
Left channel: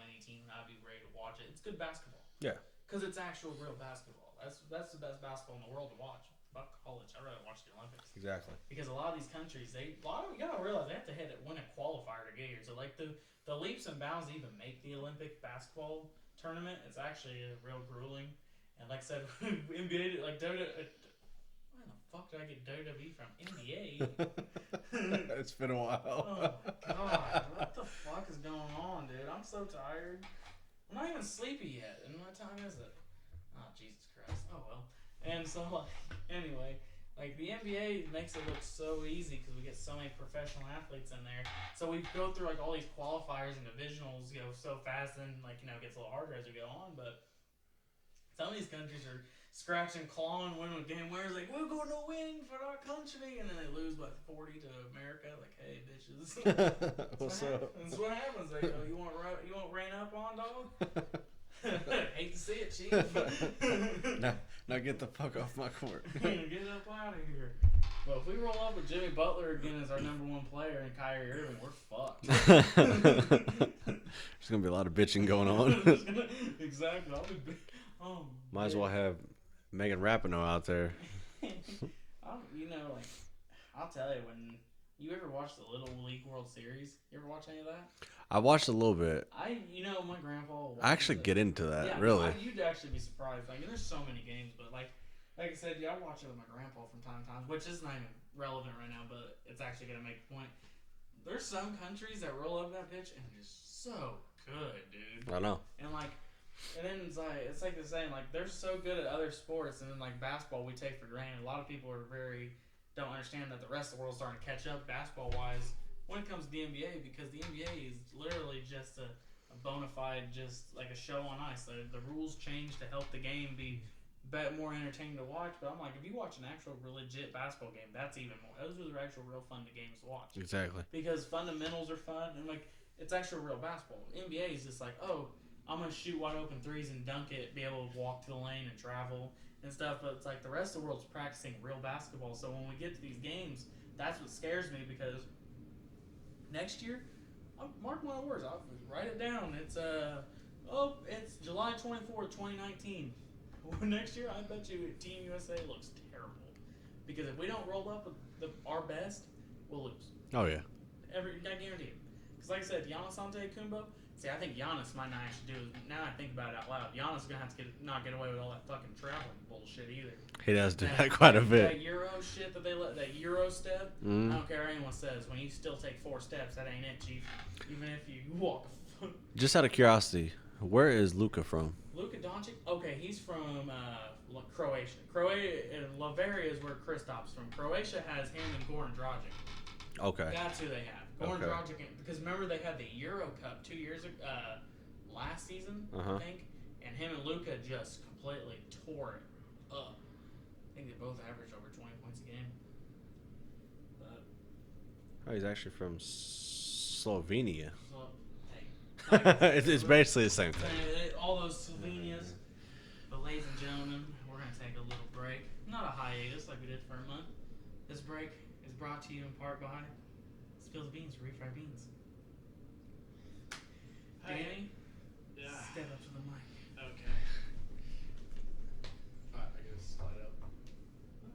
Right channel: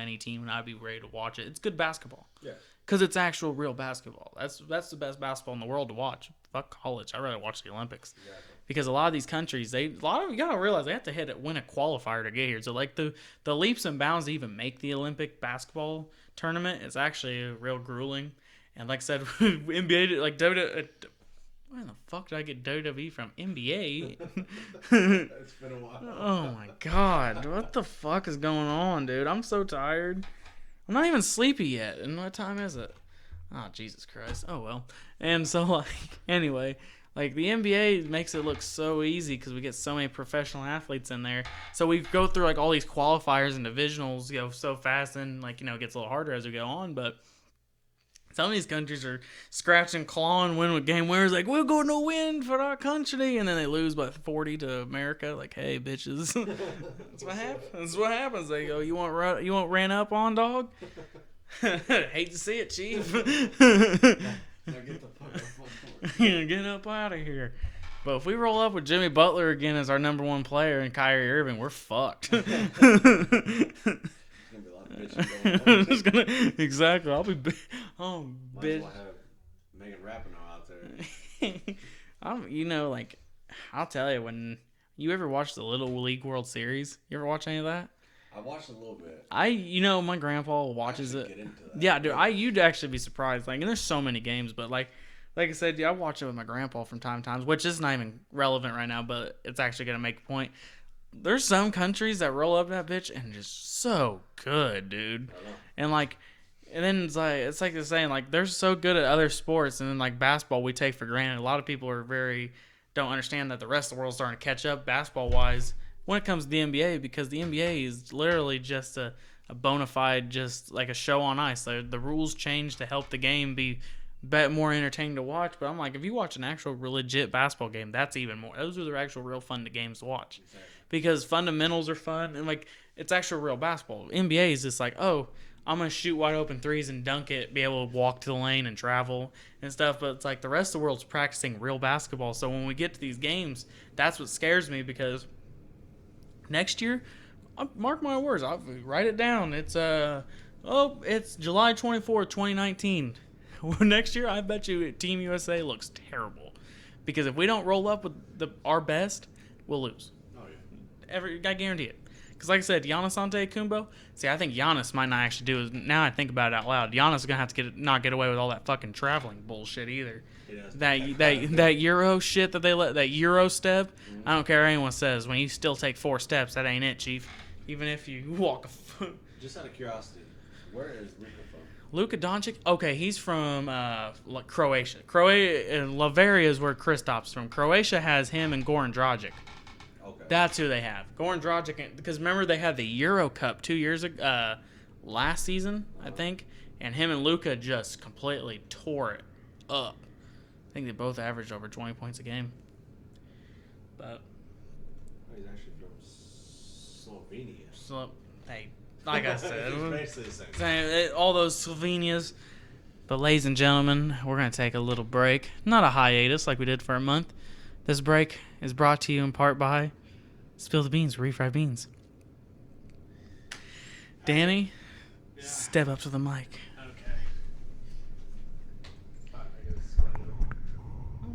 any team and I'd be ready to watch it. It's good basketball. Yeah. Because it's actual real basketball. That's the best basketball in the world to watch. Fuck college. I'd rather watch the Olympics. Exactly. Because a lot of these countries, you gotta realize they have to win a qualifier to get here. So like the leaps and bounds to even make the Olympic basketball tournament is actually real grueling. And like I said, NBA like WWE. Where the fuck did I get WWE from? NBA. It's been a while. Oh my god, what the fuck is going on, dude? I'm so tired. I'm not even sleepy yet. And what time is it? Oh, Jesus Christ. Oh, well. And so, like, anyway, like, the NBA makes it look so easy because we get so many professional athletes in there. So we go through, like, all these qualifiers and divisionals, so fast and, like, it gets a little harder as we go on. But some of these countries are scratching, clawing, winning with game winners. Like, we're going to win for our country. And then they lose by 40 to America. Like, hey, bitches. That's what happens. That's what happens. They go, you want ran up on, dog? Hate to see it, Chief. Now get the fuck off my court. Get up out of here. But if we roll up with Jimmy Butler again as our number one player and Kyrie Irving, we're fucked. There's gonna be a lot of bitching going on. Exactly. Might as well have Megan Rapinoe out there. I'll tell you, when you ever watch the Little League World Series, you ever watch any of that? I watched a little bit. My grandpa watches I actually it. get into that. Yeah, dude, really. you'd actually be surprised. Like, and there's so many games, but like I said, I watch it with my grandpa from time to time, which is not even relevant right now, but it's actually gonna make a point. There's some countries that roll up that bitch and just so good, dude. I know. And then it's like they're saying, like, they're so good at other sports, and then like basketball we take for granted. A lot of people don't understand that the rest of the world's starting to catch up basketball wise when it comes to the NBA, because the NBA is literally just a bona fide, just like a show on ice. The rules change to help the game be more entertaining to watch. But I'm like, if you watch an actual legit basketball game, that's even more. Those are the actual real fun games to watch. Exactly. Because fundamentals are fun, and like it's actual real basketball. NBA is just like, oh, I'm gonna shoot wide open threes and dunk it, be able to walk to the lane and travel and stuff. But it's like the rest of the world's practicing real basketball. So when we get to these games, that's what scares me, because next year, mark my words, I'll write it down. It's July 24th, 2019. Next year, I bet you Team USA looks terrible, because if we don't roll up with our best, we'll lose. Oh yeah. I guarantee it. Because like I said, Giannis Antetokounmpo. See, I think Giannis might not actually do it. Now I think about it out loud, Giannis is gonna have to not get away with all that fucking traveling bullshit either. He does do that Euro shit that they that Euro step. I don't care what anyone says. When you still take 4 steps, that ain't it, Chief. Even if you walk a foot. Just out of curiosity, where is Luka from? Luka Doncic? Okay, he's from Croatia. Lavaria is where Kristop's from. Croatia has him and Goran Dragic. Okay. That's who they have. Goran Dragic, because remember they had the Euro Cup 2 years ago, last season, I think, and him and Luka just completely tore it up. I think they both averaged over 20 points a game. But he's actually from Slovenia. so, hey, like I said, It's basically the same thing. all those Slovenias. But ladies and gentlemen, we're gonna take a little break, not a hiatus like we did for a month. This break is brought to you in part by Spill the Beans, Refried Beans. Danny, step up to the mic. Okay. I gotta slide up. Oh, no,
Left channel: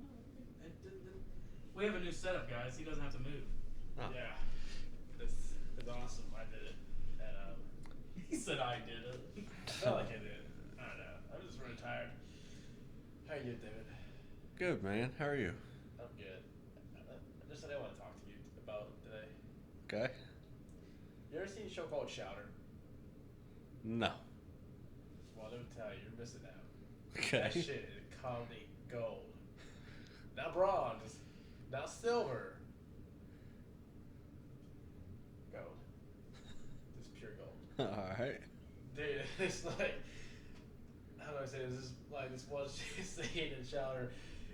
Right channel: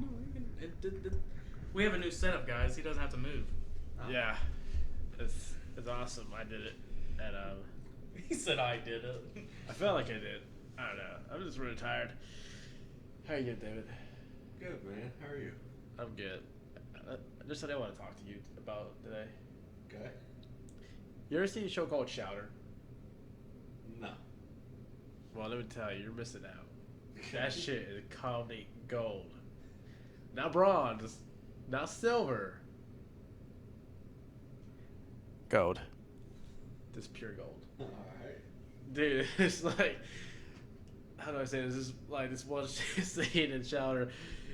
we have a new setup, guys. He doesn't have to move. Yeah. It's awesome. I did it at He said I did it. I felt like I did. I don't know. I'm just really tired. How you good, David? Good, man. How are you? I'm good. Just what I want to talk to you about today. Okay. You ever see a show called Shouter? No. Well, let me tell you, you're missing out. Okay. That shit is comedy gold. Not bronze, not silver. Gold. Just pure gold. All right. Dude, it's like how do I say this? This is like this one scene in Chowder.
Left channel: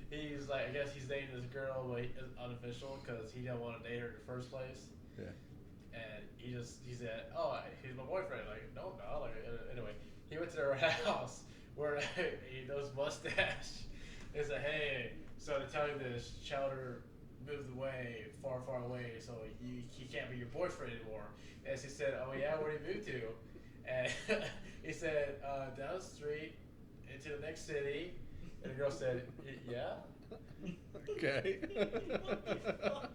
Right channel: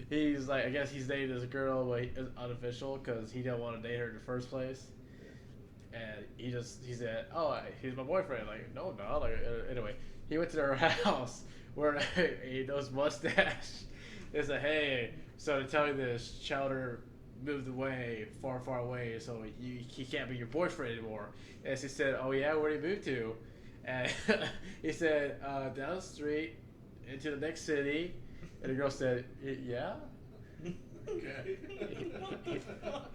He's like, I guess he's dating this girl, but it's unofficial because he didn't want to date her in the first place. Yeah. And he said, "Oh, he's my boyfriend." Like, no, no. Like, anyway, he went to their house where he knows mustache. They said, "Hey, so to tell you this, Chowder moved away, far, far away, so he can't be your boyfriend anymore." And she said, "Oh yeah, where did he move to?" And he said, "Down the street, into the next city." And the girl said, "Yeah." Okay.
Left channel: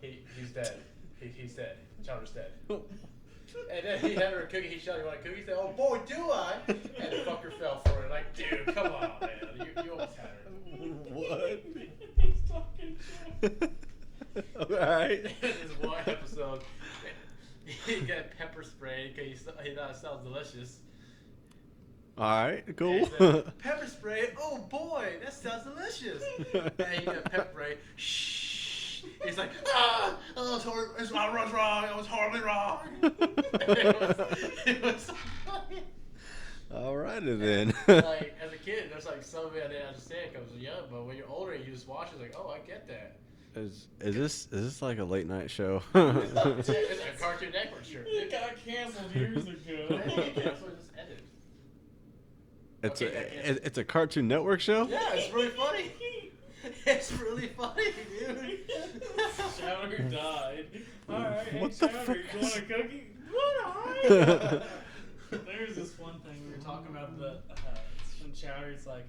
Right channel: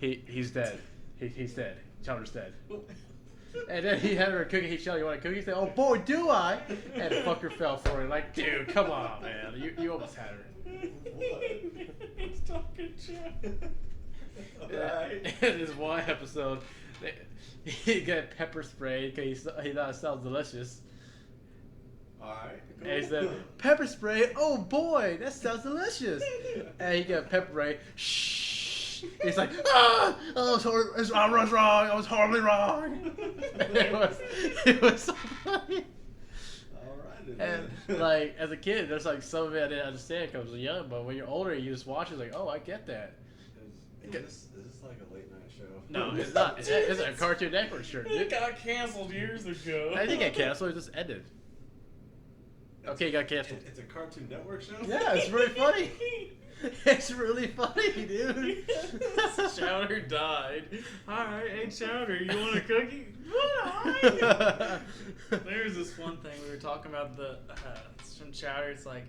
He's dead. He's dead. Chowder's dead. And then he had her a cookie. He said, "You want a cookie?" He said, "Oh boy, do I!" And the fucker fell for it. Like, dude, come on, man. You almost had her. What? He's talking shit. Alright. In this one episode, he got pepper spray because he thought it sounds delicious. Alright, cool. And he said, "Pepper spray? Oh boy, that sounds delicious." And he got pepper spray. Shh. He's like, "Ah, oh, I was wrong. I was horribly wrong." it was so funny. Alrighty then. And, like, as a kid, there's like some of it I didn't understand because I was young, but when you're older, you just watch it like, oh, I get that. Is this like a late night show? It's not. It's a Cartoon Network shirt. It got canceled years ago. I didn't get canceled. It just ended. Okay, it got canceled. It's a Cartoon Network show? Yeah, it's really funny. It's really funny, dude. Chowder died. Alright, hey What the Chowder, you fuck? want a cookie? What? There's this one thing we were talking about it's from Chowder. It's like,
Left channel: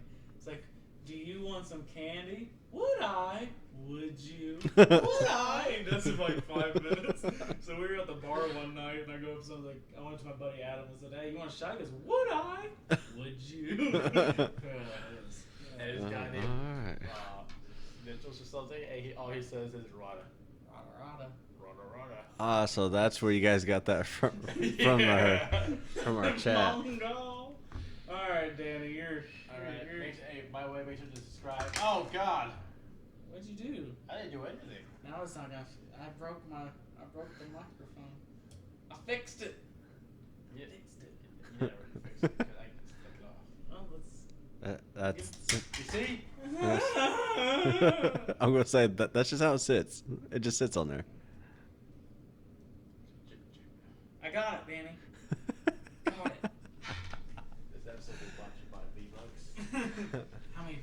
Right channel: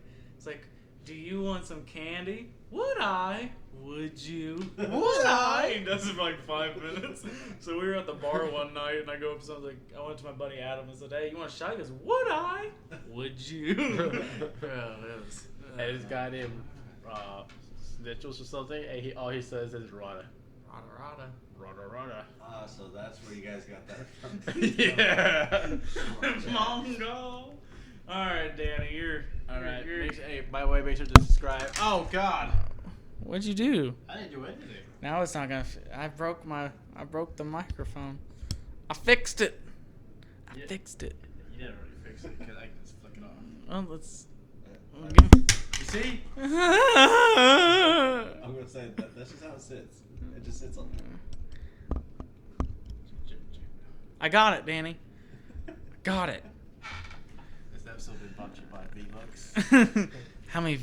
do you want some candy? Would I? Would you? Would I? He does it for like 5 minutes. So we were at the bar one night, and I go up to someone, I went to my buddy Adam and said, "Hey, you want a shot?" He goes, "Would I? Would you?" And this guy named Mitchell's or something, and all he says is "rada, rada, rada, rada, rada." So that's where you guys got that from Yeah. from our chat. Long ago. All right, Danny, you're All right. You're, Hey, by the way, make sure to subscribe. Oh God, what'd you do? I didn't do anything. Now it's not gonna. I broke the microphone. I fixed it. I Yeah. fixed it. You didn't really fix it. 'Cause I can just flick it off. Oh, let's. You see? I'm gonna say that's just how it sits. It just sits on there. I got it, Danny. Got it. This episode is brought to you by V-Bucks. How many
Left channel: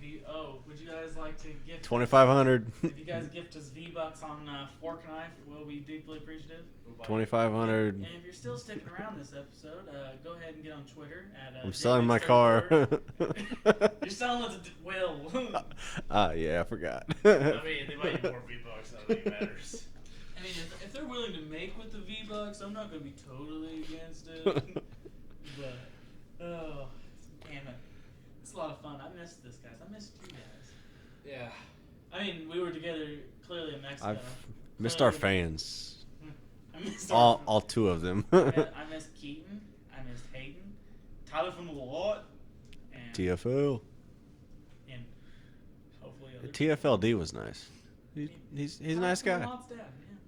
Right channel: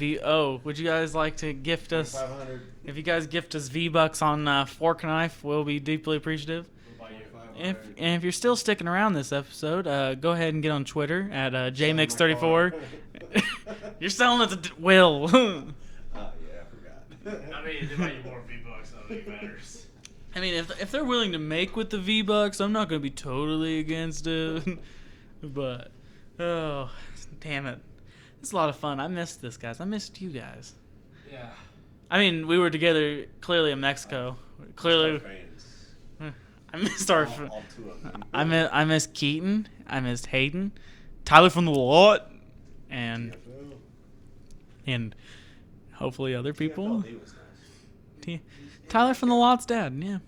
would you guys like to gift us? 2,500. If you guys gift us V-Bucks on Fork and Knife, we'll be deeply appreciative. 2,500. And if you're still sticking around this episode, go ahead and get on Twitter at selling my JMix34. You're selling it to Will. Yeah, I forgot. I mean, they might get more V-Bucks. I don't think it matters. I mean, if they're willing to make with the V-Bucks, I'm not going to be totally against it. But, oh, damn it. It's a lot of fun. I missed this, guys. I missed you guys. Yeah. I mean, we were together clearly in Mexico. Missed our fans. I missed our... All two of them. I missed Keaton. I missed Hayden. Tyler from the lot. And TFL. And hopefully other people. TFLD was nice. He's a Tyler nice from the guy. lot's dad, yeah.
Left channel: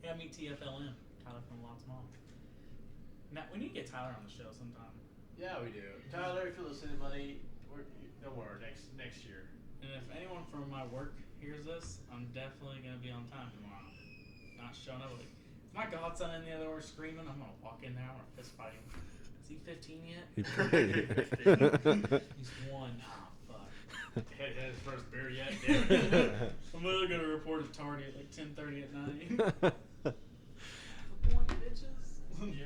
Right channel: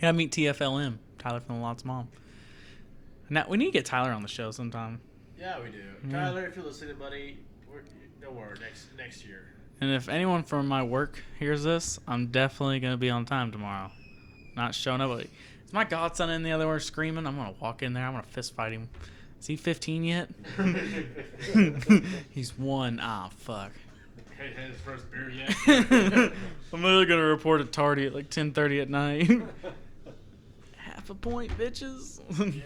Yeah. I meet TFLM, Tyler from the lot's mom. Now we need to get Tyler on the show sometime. Yeah, we do. Yeah. Tyler, if you're listening, buddy, don't worry. Next year. And if anyone from my work hears this, I'm definitely gonna be on time tomorrow. Not showing up. Is my godson in the other room screaming? I'm gonna walk in there. I'm gonna fist fight him. Is he 15 yet? He's 1. Ah, fuck. Had his first beer yet? I'm literally gonna report at Tardy at like 10:30 at night. Half a point, bitches. Yeah.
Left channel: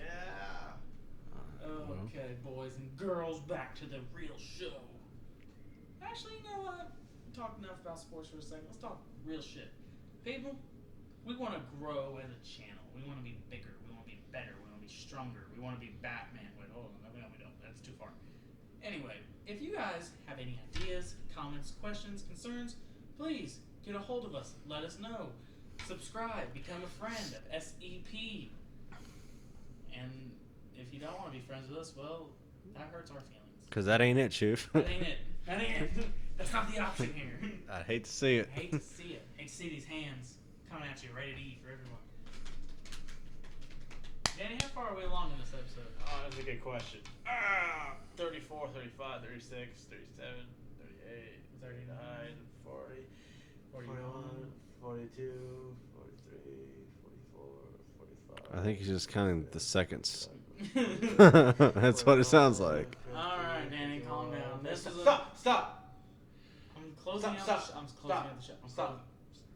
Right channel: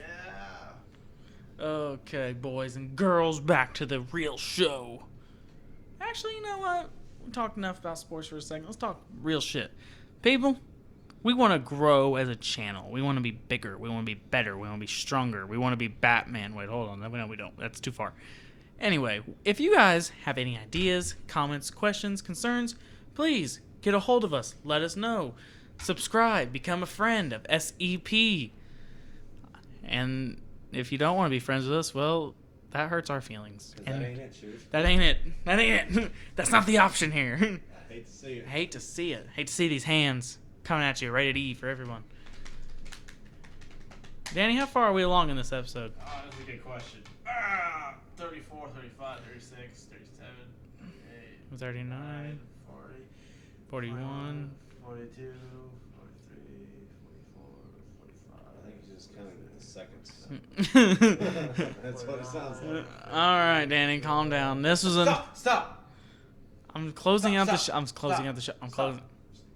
Okay, boys and girls, back to the real show. Actually, you know what? We talked enough about sports for a second. Let's talk real shit. People, we want to grow as a channel. We want to be bigger. We want to be better. We want to be stronger. We want to be Batman. Wait, hold on. No, we don't. That's too far. Anyway, if you guys have any ideas, comments, questions, concerns, please get a hold of us. Let us know. Subscribe. Become a friend of SEP. And if you don't want to be friends with us, well, that hurts our feelings. Because that ain't it, Chief. That ain't it. That ain't it. That's not the option here. I hate to see it. Hate to see it. Hate to see these hands coming at you, rated E for everyone. Danny, how far are we along in this episode? That's a good question. 30 34, 35, 36, 37, 38, 39, 40, 41. 42, 43, 44, 45. I think he's just counting the seconds. That's what it sounds like. All right, Danny, calm down. This was a. Stop! I'm closing out the. Stop. I'm closing out the show. I'm closing.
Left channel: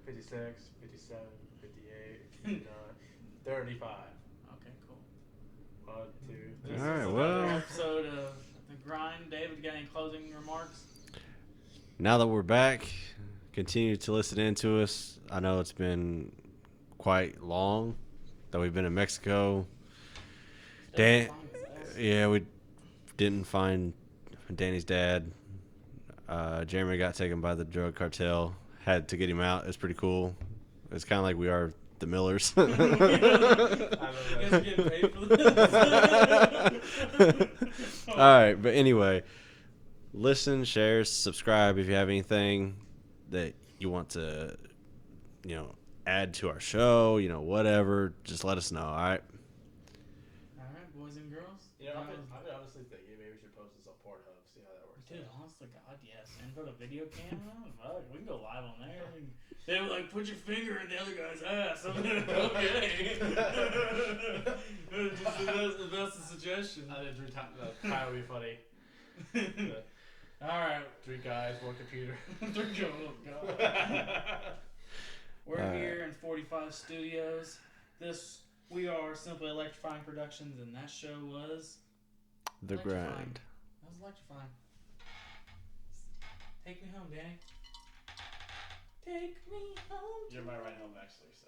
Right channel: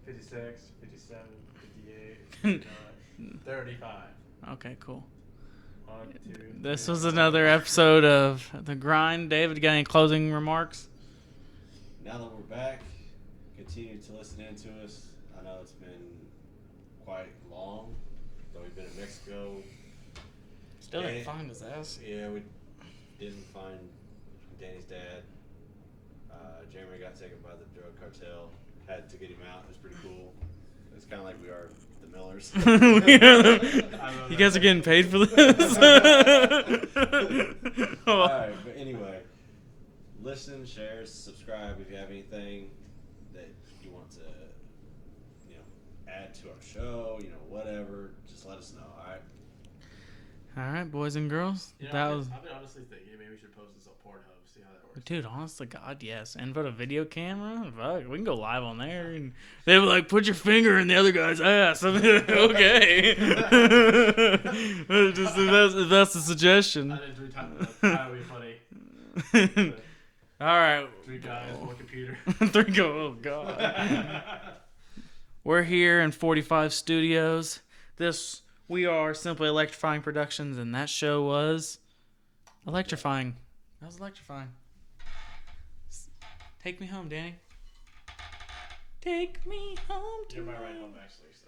56, 57, 58, 59, 35. Okay, cool. 1, 2. This All was right, another well. episode of The Grind. David, got any closing remarks? Now that we're back, continue to listen in to us. I know it's been quite long that we've been in Mexico. Still Dan- didn't find his ass. Yeah, we didn't find Danny's dad. Jeremy got taken by the drug cartel. Had to get him out. It's pretty cool. It's kind of like we are the Millers. You guys are getting paid for this? All right, but anyway, listen, share, subscribe if you have anything that you want to, add to our show, whatever. Just let us know, all right? All right, boys and girls. You know, That I've was. been honestly thinking maybe we should post this on Pornhub, see how that works. Dude, honest to God, yes. And put a video camera. Fuck, we can go live on there. And they were like, put your finger in the other guy's ass. I'm like, okay. Just if that's the suggestion. I think 3 times that would be funny. All right. 3 guys, 1 computer. 3 go. Oh, God. We're here in 45 Studios. We are Simply Electrifying Productions, and that show was The electrifying. That was electrifying. Take me home, Danny. Take me home. You're my ride home, actually. So.